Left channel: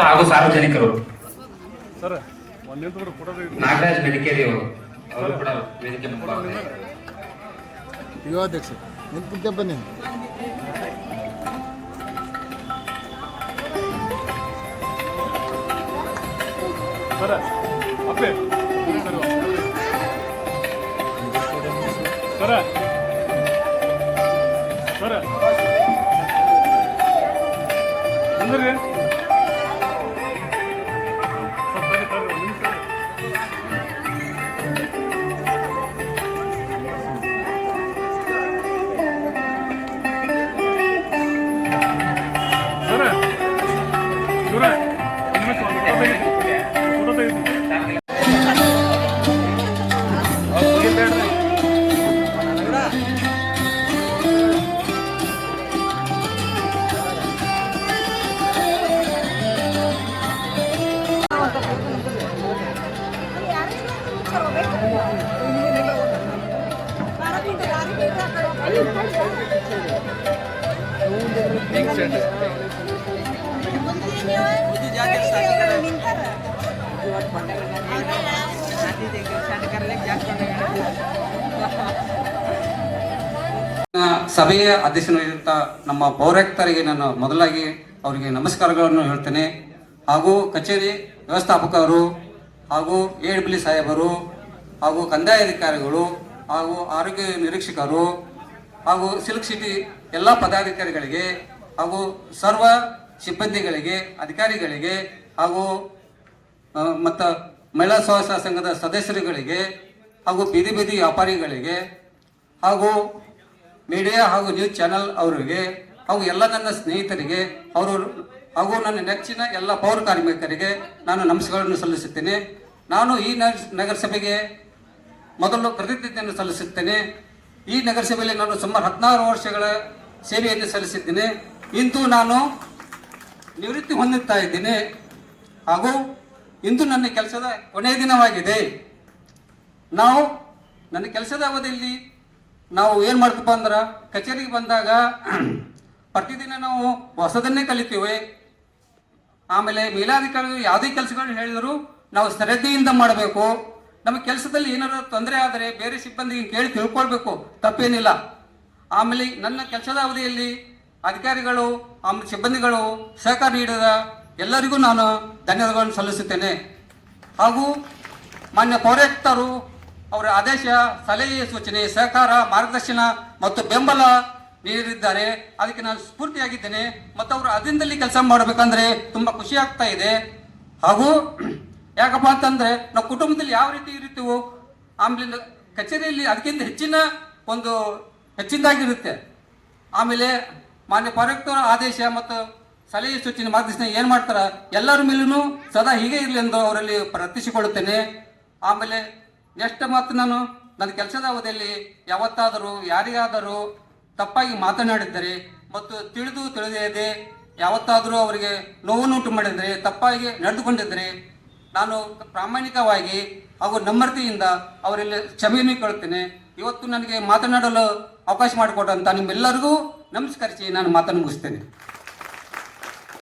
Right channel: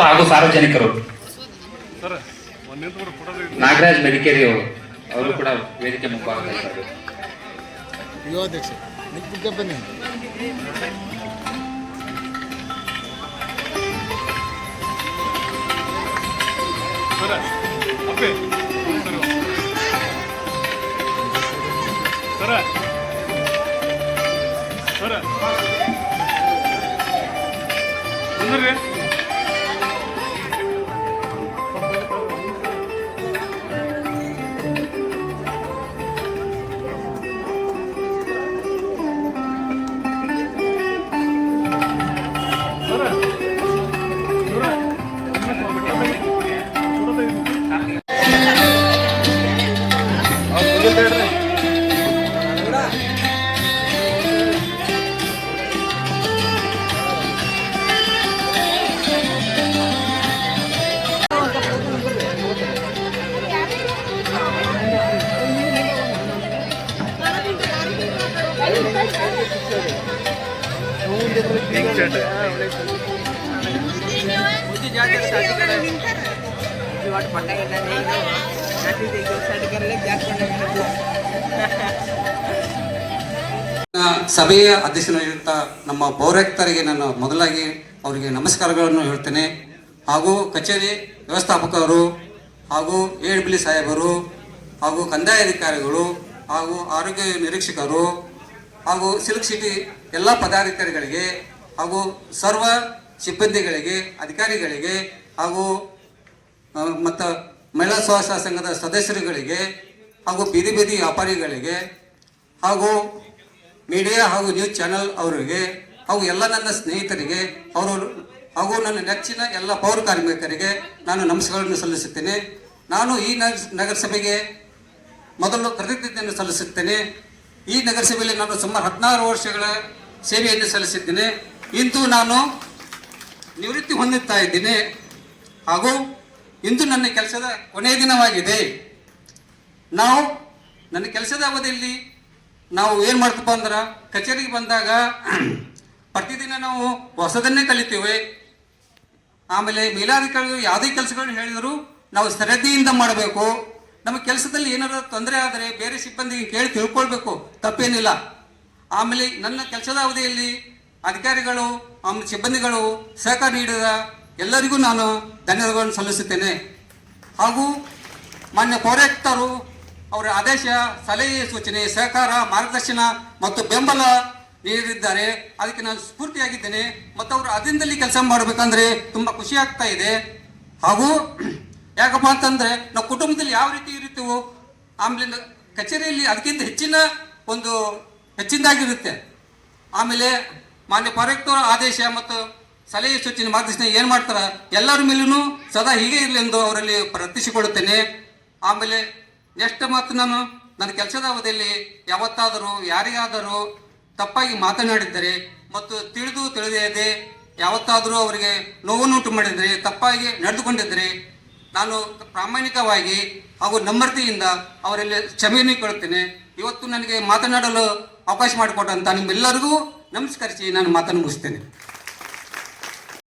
ಹಾಗೂ ಸಾರ್ವಜನಿಕರು ನಾಗರಾಜ್ ಮೆಡಿಕೇರಿ ಅವರು ಕೂಡ ವೇದಿಕೆ ಯುವಾಧ್ಯಕ್ಷ ಬನ್ನಿ. ಸಭೆಯ ಅಧ್ಯಕ್ಷನಾಗಿರುವಂಥ ನಮ್ಮ ಪೌರಾಯುಕ್ತರಿಗೆ ನಾನು ಮೊದಲಾಗಿ ಅವರಿಗೆ ನಮಸ್ಕಾರಗಳನ್ನು ಹೇಳ್ತೇನೆ. ಹಾಗೂ ಕಚೇರಿ ವ್ಯವಸ್ಥಾಪಕರು ಹಾಗೂ AWL ಸಾಹೇಬರು ಹಾಗೂ ಕಂದಾಯ ಅಧಿಕಾರಿಗಳು ಹಾಗೂ ಆರೋಗ್ಯ ನಿರೀಕ್ಷಕರು ಹಾಗೂ ಸಿಲ್ಕ್ ಸಿಟಿ ಎಲ್ಲ ಪದಾಧಿಕಾರಿಗಳಿಗೆ ಹಾಗೂ ಸರ್ವ ಸಿಬ್ಬಂದಿಗಳಿಗೆ ಅಧಿಕಾರಿಗಳಿಗೆ ಹಾಗೂ ಮತ್ತು ಮಹಿಳಾ ಸ್ವಸಹಾಯ ಸಂಘದ ಸದಸ್ಯರುಗಳಿಗೆ ಹಾಗೂ ಬೀದಿ ಬೀದಿ ವ್ಯಾಪಾರಿಗಳಿಗೆ ಹಾಗೂ ಮೀಡಿಯಾ ಹಾಗೂ ನ್ಯೂಸ್ ಚಾನೆಲ್ ಅವರಿಗೆ ಹಾಗೂ ಎಲ್ಲ ನನ್ನ ಸ್ನೇಹಿತರಿಗೆ ಹಾಗೂ ನನ್ನ ನೆಚ್ಚಿನ ಎಲ್ಲ ಪೌರ ಕಾರ್ಮಿಕರಿಗೆ ನಾನು ನಮಸ್ಕಾರಗಳನ್ನು ಸಲ್ಲಿಸುತ್ತೇನೆ. ನಾನು ಈ ನಗರಸಭೆಗೆ ಮೊದಲು ಕೃತಜ್ಞತೆಯನ್ನು ಸಲ್ಲಿಸುತ್ತೇನೆ. ಈ ನಗರಸಭೆಯಲ್ಲಿ ನಾನು ಸುಮಾರು 16 ವರ್ಷಗಳ ಸೇವೆಯನ್ನು ಸಲ್ಲಿಸಿದ್ದೇನೆ. ಇಂದು ನಾನು ನಿವೃತ್ತಿ ಹೊಂದುತ್ತಾ ಇದ್ದೇನೆ ಹಾಗೂ ಇಂದು ನನ್ನ ಕೆಲಸದ ಕೊನೆಯ ದಿನವಾಗಿದೆ. ನನ್ನ ಕೆಲಸದ ಅವಧಿಯಲ್ಲಿ ನಾವು ಏನು ಮಾಡ್ತಪ್ಪ ಅಂದ್ರೆ ಕಚೇರಿಗೆ ಬಂದಾಗ ಪ್ರತಿದಿನ ನಾವು ಹೊಸದನ್ನೇ ಕಲಿತೇವೆ. ಆಮೇಲೆ ಮೇಲಾಧಿಕಾರಿಗಳು ಯಾವುದೇ ಕೆಲಸಗಳನ್ನು ಹೇಳಿದರೂ ನಾವು ಶ್ರದ್ಧೆಯಿಂದ ಮಾಡಬೇಕು. ನಮ್ಮ ಕೆಲಸದಲ್ಲಿ ಏನಾದರೂ ತೊಂದರೆ ಆದರೆ ಬೇರೆ ಸಿಬ್ಬಂದಿಗೆ ಕೇಳಿ ತಿಳ್ಕೊಳ್ಬೇಕು, ತಪ್ಪೇನಿಲ್ಲ. ಆಮೇಲೆ ನನ್ನ ಕೆಲಸದ ಅವಧಿಯಲ್ಲಿ ಅಧಿಕಾರಿಗಳು ಆಮೇಲೆ ಸಿಬ್ಬಂದಿಗಳು ಸಹಕಾರ ನೀಡಿದ ಎಲ್ಲರಿಗೂ ನಾನು ಧನ್ಯವಾದಗಳನ್ನು ಸಲ್ಲಿಸುತ್ತೇನೆ. ಹಾಗೂ ಮಾನ್ಯ ಪೌರಾಯುಕ್ತರು ಅವರ ಆದೇಶ, ಸಲಹೆ, ಸೂಚನೆ, ಸಹಕಾರ, ಮಾರ್ಗದರ್ಶನ ಮತ್ತು ಬೆಂಬಲ ನೀಡಿದ್ದಾರೆ. ಅದಕ್ಕೆ ನಾನು ಸ್ಫೂರ್ತಿಯಾಗಿದ್ದೇನೆ ಮತ್ತು ಅವರು ಅಧೀನದಲ್ಲಿ ಕೆಲಸ ಮಾಡಬೇಕಂದ್ರೆ ತುಂಬ ಖುಷಿ ಆಗ್ತಾ ಇದೆ. ಹಾಗೂ ಯಾಕಪ್ಪ ಅಂತಂದರೆ ನಾವು ಕುಟುಂಬದಲ್ಲಿ ಯಾವ ರೀತಿ ಇರ್ತೀವೋ ಆಮೇಲೆ ಕಚೇರಿಯಲ್ಲಿ ಅದಕ್ಕಿಂತ ಹೆಚ್ಚಿನದಾಗಿರುತ್ತೆ. ಆಮೇಲೆ ಮಾನ್ಯ ಪೌರಾಯುಕ್ತರ ಆದೇಶ ಮತ್ತು ಸಲಹೆ, ಸೂಚನೆ, ಮಾರ್ಗದರ್ಶನ ಏನು ಮಾಡ್ತಾರೆ ಎಲ್ಲರ ಮೇಲೂ ಸದಾ ಹೀಗೆ ಇರಲಿ ಎಂದು ಅವರಲ್ಲಿ ಪ್ರಾರ್ಥಿಸಿಕೊಳ್ಳುತ್ತೇನೆ. ಆಮೇಲೆ ನೆಕ್ಸ್ಟ್ ಮತ್ತು ನಾನು ನನ್ನ ಕೆಲಸದ ಅವಧಿಯಲ್ಲಿ ಯಾವತ್ತಾದರೂ ಯಾರಿಗಾದರೂ ತಪ್ಪಾಗಿ ಮಾತನಾಡಿದ್ದರೆ ಮತ್ತು ತಿಳಿಯದೆ ಯಾವತ್ತಾದರೂ ಅವರಿಗೆ ನೋವನ್ನುಂಟು ಮಾಡಿದರೆ, ತಪ್ಪಾಗಿ ನಡೆದುಕೊಂಡಿದ್ದರೆ ನಾನು ಪ್ರಾಮಾಣಿಕವಾಗಿ ಹಾಗೂ ನಮ್ರತೆಯಿಂದ ಅವರಲ್ಲಿ ಕ್ಷಮೆಯನ್ನು ಕೇಳುತ್ತೇನೆ. ಇವತ್ತು ನನಗೆ ಮಾತನಾಡಲು ಅವಕಾಶ ಮಾಡಿಕೊಟ್ಟಂತ ನಿಮ್ಮೆಲ್ಲರಿಗೂ ನಮಸ್ಕರಿಸಿ ನಾನು ಮಾತನ್ನು ಮುಗಿಸ್ತೇನೆ.